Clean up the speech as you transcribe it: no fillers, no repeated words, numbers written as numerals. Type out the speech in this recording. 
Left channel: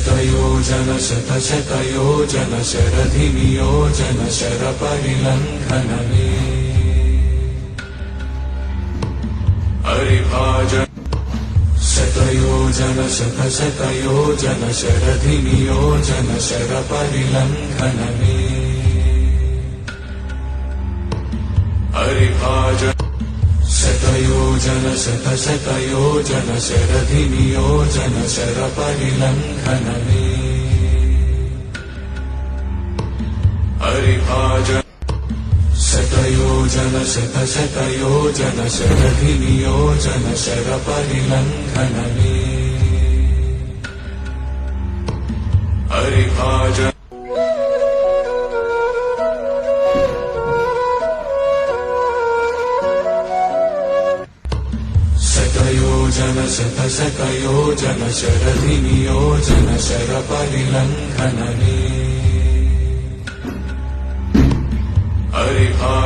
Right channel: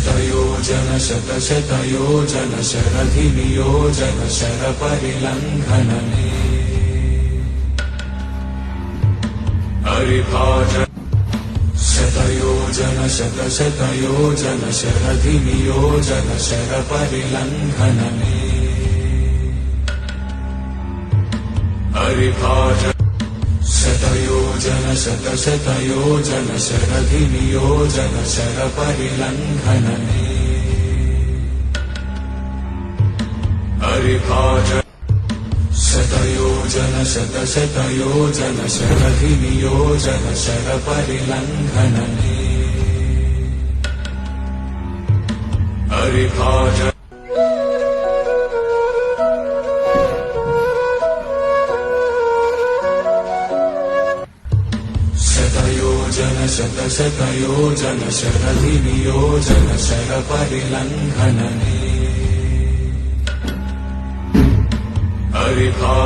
शतयोजन शतशतयोजन शरधिनियोजन शरपरिलङ्घनने हरिभाजन शतयोजन शतशतयोजन शरधिनियोजन शरपरिलङ्घनने हरिभाजन शतयोजन शतशतयोजन शरधिनियोजन शरपरिलङ्घनने हरिभाजन शतयोजन शतशतयोजन शरधिनियोजन शरपरिलङ्घनने हरिभाजन शतयोजन शतशतयोजन शरधिनियोजन शरपरिलङ्घनने हरिभाजन